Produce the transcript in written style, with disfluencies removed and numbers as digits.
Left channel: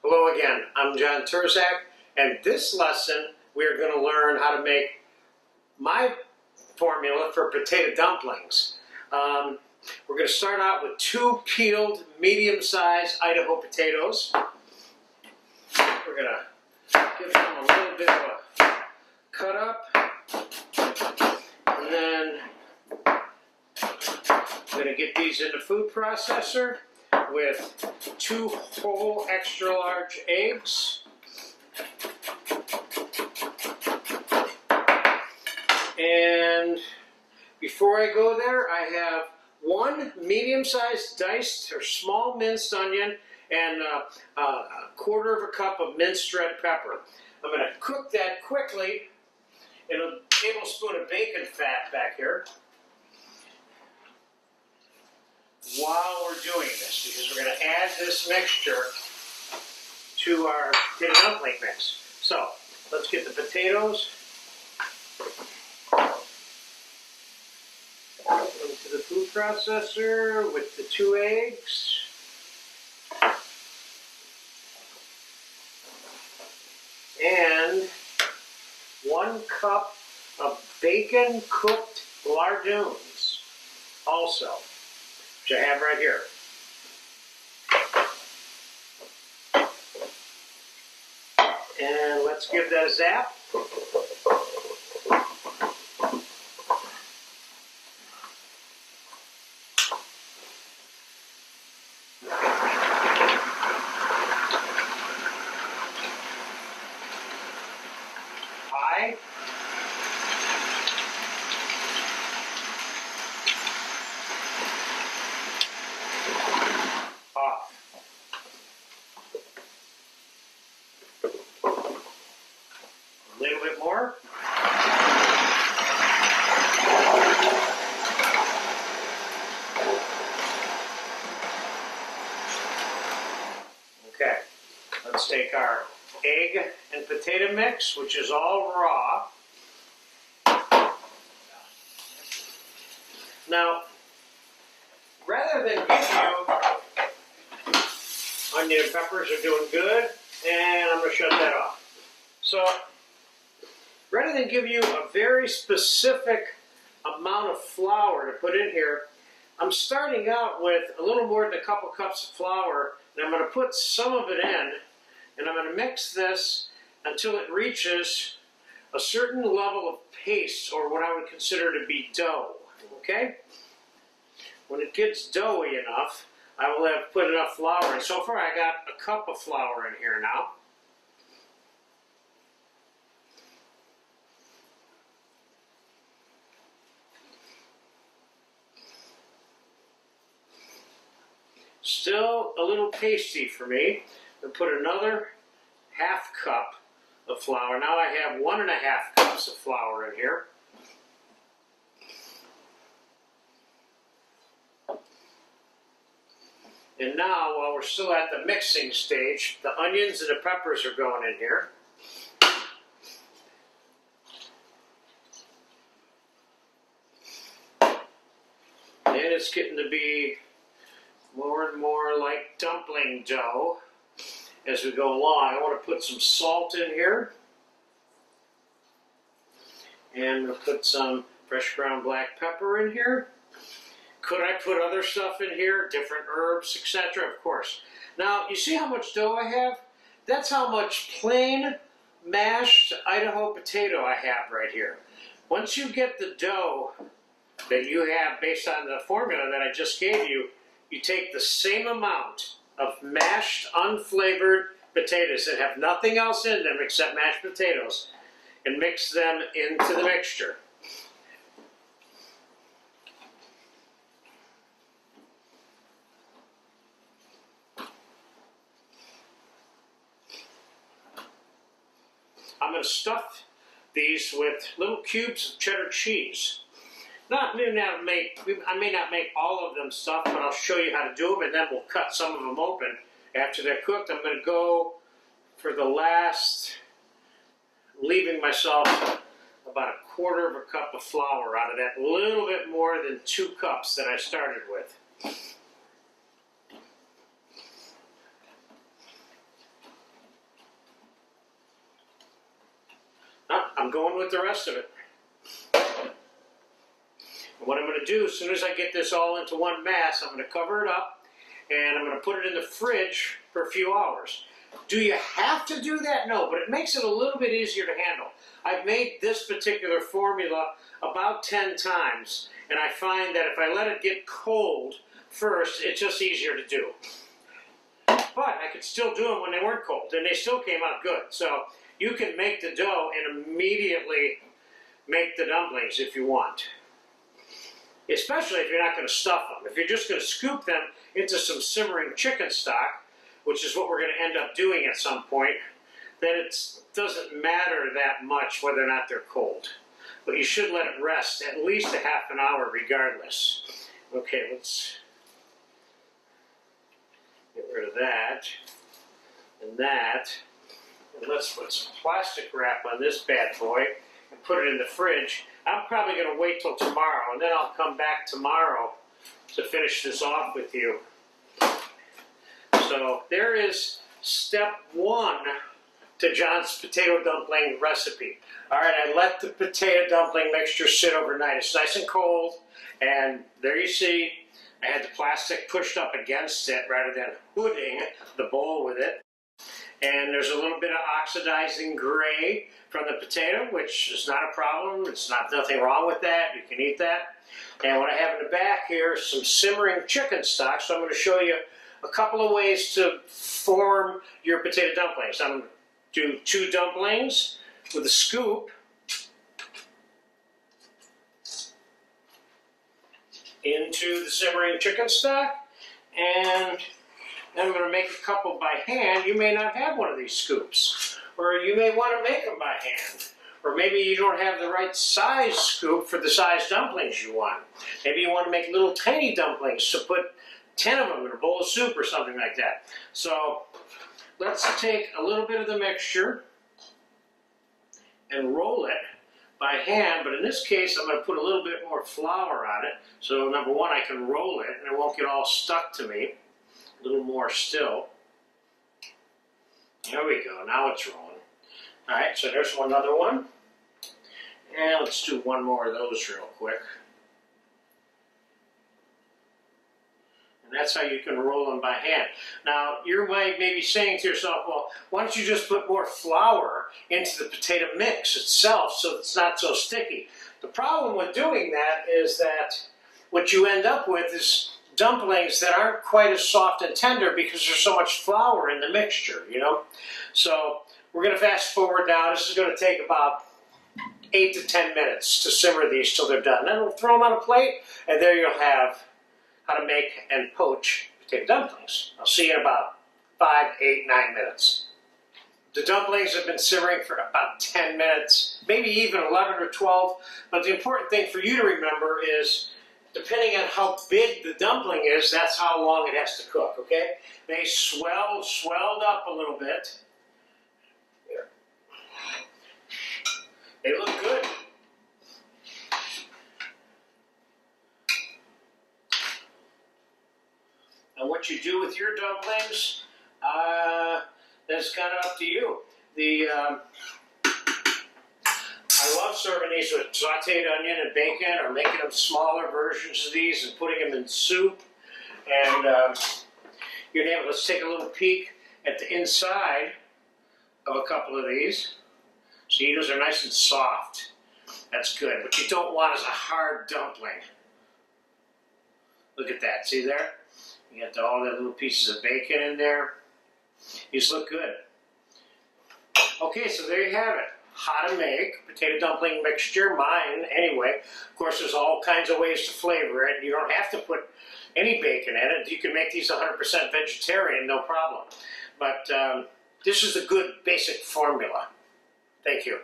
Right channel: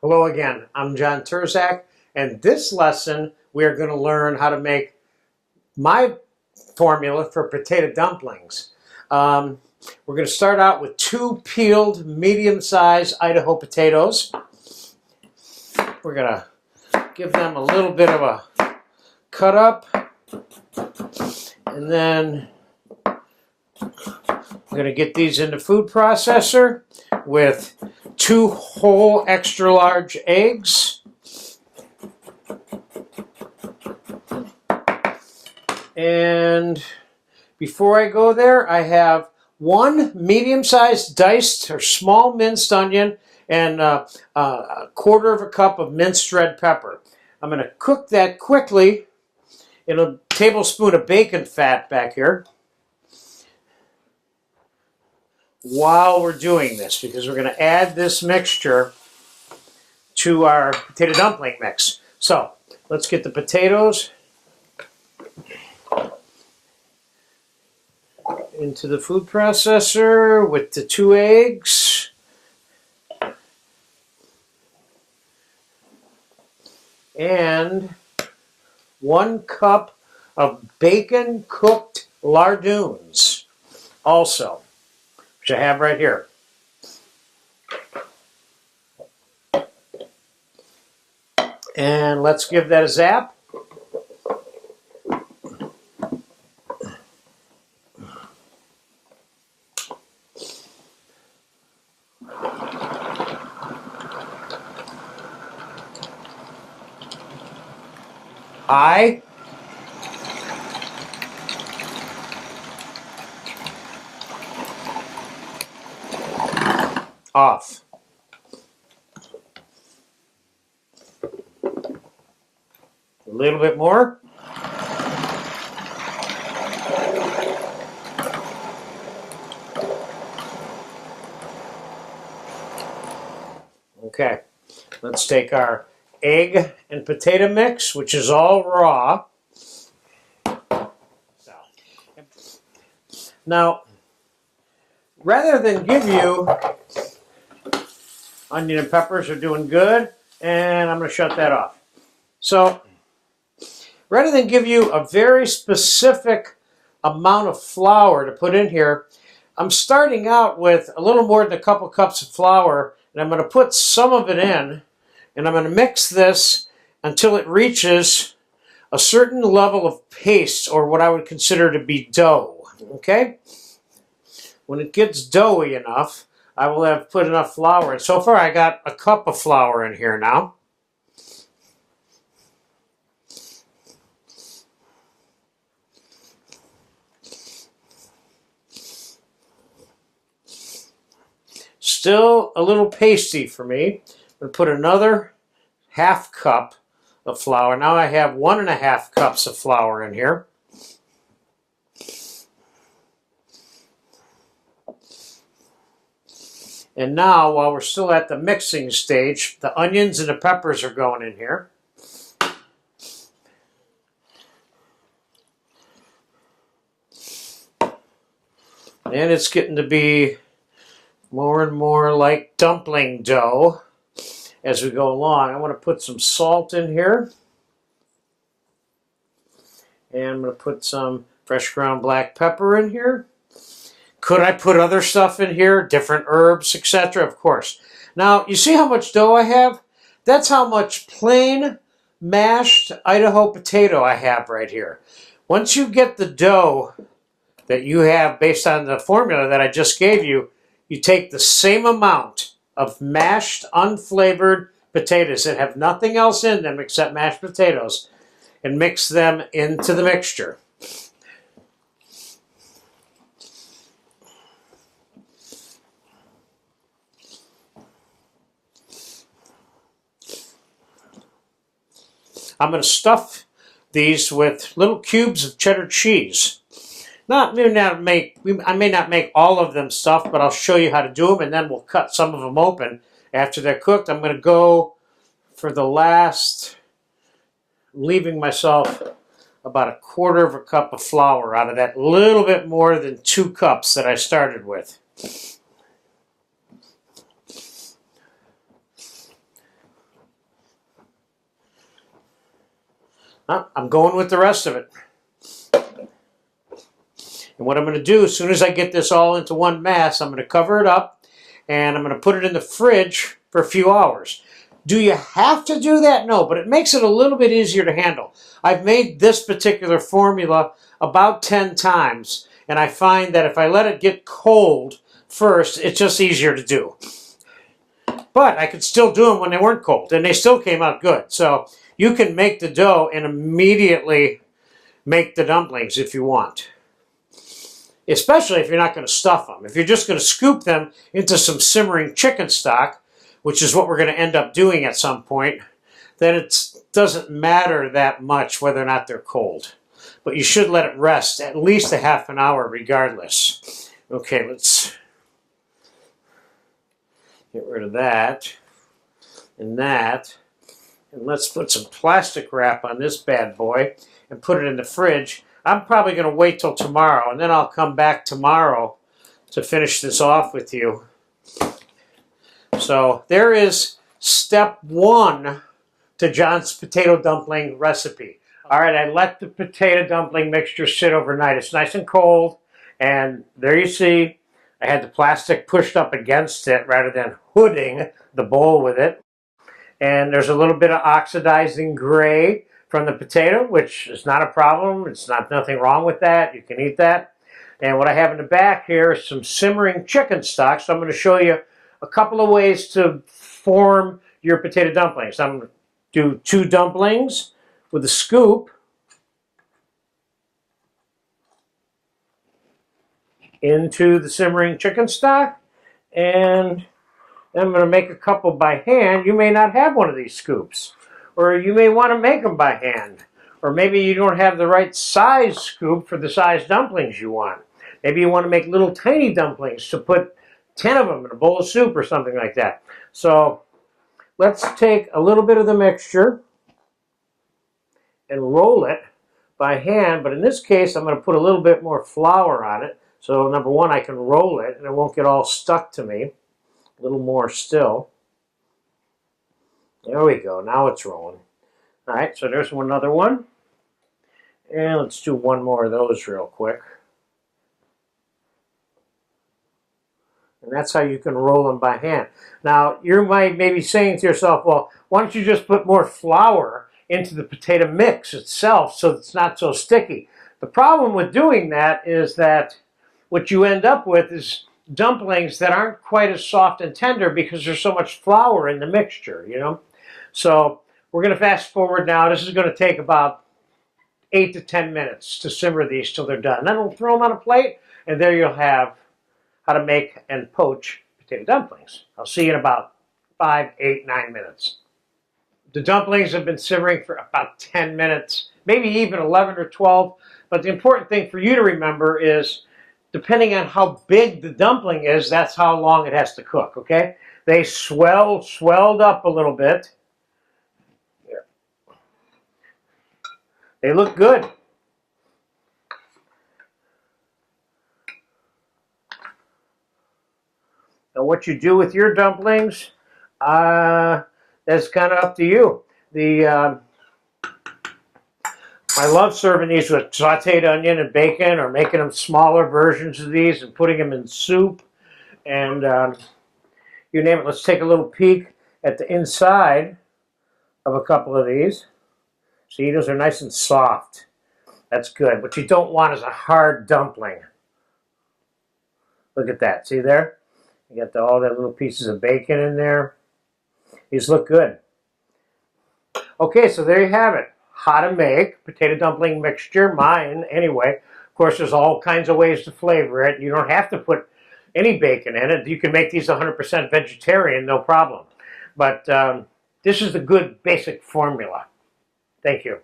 Hello again, I'm John Turzak, and this lesson we are going to learn how to make my formula for potato dumplings. We're going to start out with 2 peeled medium-sized Idaho potatoes. We're going to give them a little bit of a cut up, and then I'm going to get these in the food processor with 2 whole extra large eggs. And before I go there, I have 1 medium-sized diced or small minced onion and a 1/4 cup of minced red pepper. I'm going to cook that quickly in a tablespoon of bacon fat back here while we're doing this, because we're going to add this mixture to our potato dumpling mix. So let's get the potatoes into the food processor with the 2 eggs. And 1 cup of bacon cooked lardoons also, which I have right here. And let's give that a zap. Off. A little bit more. Okay, let's take our egg and potato mix, which is all raw. Now, rather than give you, onion and peppers are doing good, and I'm going to shut that off. So, rather than give you a very specific amount of flour to put in here, I'm starting out with a little more than a couple cups of flour, and I'm going to put some of it in, and I'm going to mix this until it reaches a certain level of paste, or what I would consider to be dough. Okay? When it gets doughy enough, I will have put enough flour in. So far I got a cup of flour in here now. Still a little pasty for me. I'm going to put another 1/2 cup of flour. Now I have 1.5 cups of flour in here. And now, while we're still at the mixing stage, the onions and the peppers are going in here. And it's getting to be more and more like dumpling dough as we go along. I want to put some salt in here. And I'm going to put some fresh ground black pepper in here. Could I put other stuff in here, different herbs, etc.? Of course. Now, you see how much dough I have? That's how much plain mashed Idaho potato I have right here. Once you get the dough that you have based on the formula that I just gave you, you take the same amount of mashed, unflavored potatoes that have nothing else in them except mashed potatoes and mix them into the mixture. I'm going to stuff these with little cubes of cheddar cheese. I may not make all of them stuffed, but I'll show you how to do them, and then we'll cut some of them open after they're cooked. I'm going to go for the last, leaving myself about 1/4 cup of flour out of that little bit more than 2 cups that I started with. I'm going with the rest of it. And what I'm going to do, as soon as I get this all into one mass, I'm going to cover it up and I'm going to put it in the fridge for a few hours. Do you have to do that? No, but it makes it a little bit easier to handle. I've made this particular formula about 10 times, and I find that if I let it get cold first, it's just easier to do. But I could still do them when they weren't cold, and they still came out good. So you can make the dough and immediately make the dumplings if you want. Especially if you're not going to stuff them. If you're just going to scoop them into some simmering chicken stock, which is what we're going to end up doing at some point, then it doesn't matter that much whether or not they're cold. But you should let it rest at least a half an hour regardless. Okay, let's get rid of that and that. And let's put some plastic wrap on this bad boy and put it in the fridge. I'm probably going to wait till tomorrow, and then I'll come back tomorrow to finish this off with you. So there is step 1 to John's potato dumpling recipe. All right, I let the potato dumpling mixture sit overnight. It's nice and cold, and there you see I had the plastic pushed up against it rather than hooding the bowl with it. And there's a little bit of oxidizing gray from the potato, which is not a problem. It's nothing wrong with that. You can eat that. And what I have in the back here is some simmering chicken stock. So I'm going to show you a couple of ways to form your potato dumplings. I'm going to do 2 dumplings with a scoop into the simmering chicken stock, and I'm going to make a couple by hand. You may not have one of these scoops, or you may want to make them by hand, or maybe you don't have the right size scoop for the size dumplings you want. Maybe you want to make little tiny dumplings to put 10 of them in a bowl of soup or something like that. So let's take a little bit of the mixture and roll it by hand, but in this case I'm going to put a little bit more flour on it. So number 1, I can roll it and it won't get all stuck to me. A little more still. There we go, now it's rolling. All right, so there's another one. And let's do one more of those real quick. And that's how you can roll them by hand. Now, you might maybe saying to yourself, well, why don't you just put more flour into the potato mix itself so it's not so sticky? The problem with doing that is that what you end up with is dumplings that aren't quite as soft and tender because there's so much flour in the mixture, you know? So we're going to fast forward now. This is going to take about 8 to 10 minutes to simmer these till they're done. Then we'll throw them on a plate, and there you'll have how to make and poach potato dumplings. I'll see you in about 5, 8, 9 minutes. The dumplings have been simmering for about 10 minutes, maybe even 11 or 12. But the important thing for you to remember is, depending on how big the dumpling is, that's how long it has to cook, okay? They swelled up a little bit. Here. They look good. Now what you do with your dumplings, that's kind of up to you. I love serving these with sauteed onion and bacon, or making them smaller versions of these and putting them in soup. And you name it. Let's take a little peek at the inside of a couple of these. See, those are nice and soft. That's good. What you don't want is a hard dumpling. Look at that. See there? You got all the little pieces of bacon in there. These look good. Okay, so there you have it. How to make potato dumpling mixture, mine anyway. Of course, there's all kinds of ways to flavor it. You don't have to put any bacon in it. You can make these 100% vegetarian, no problem. But this is a good basic formula. Thank you.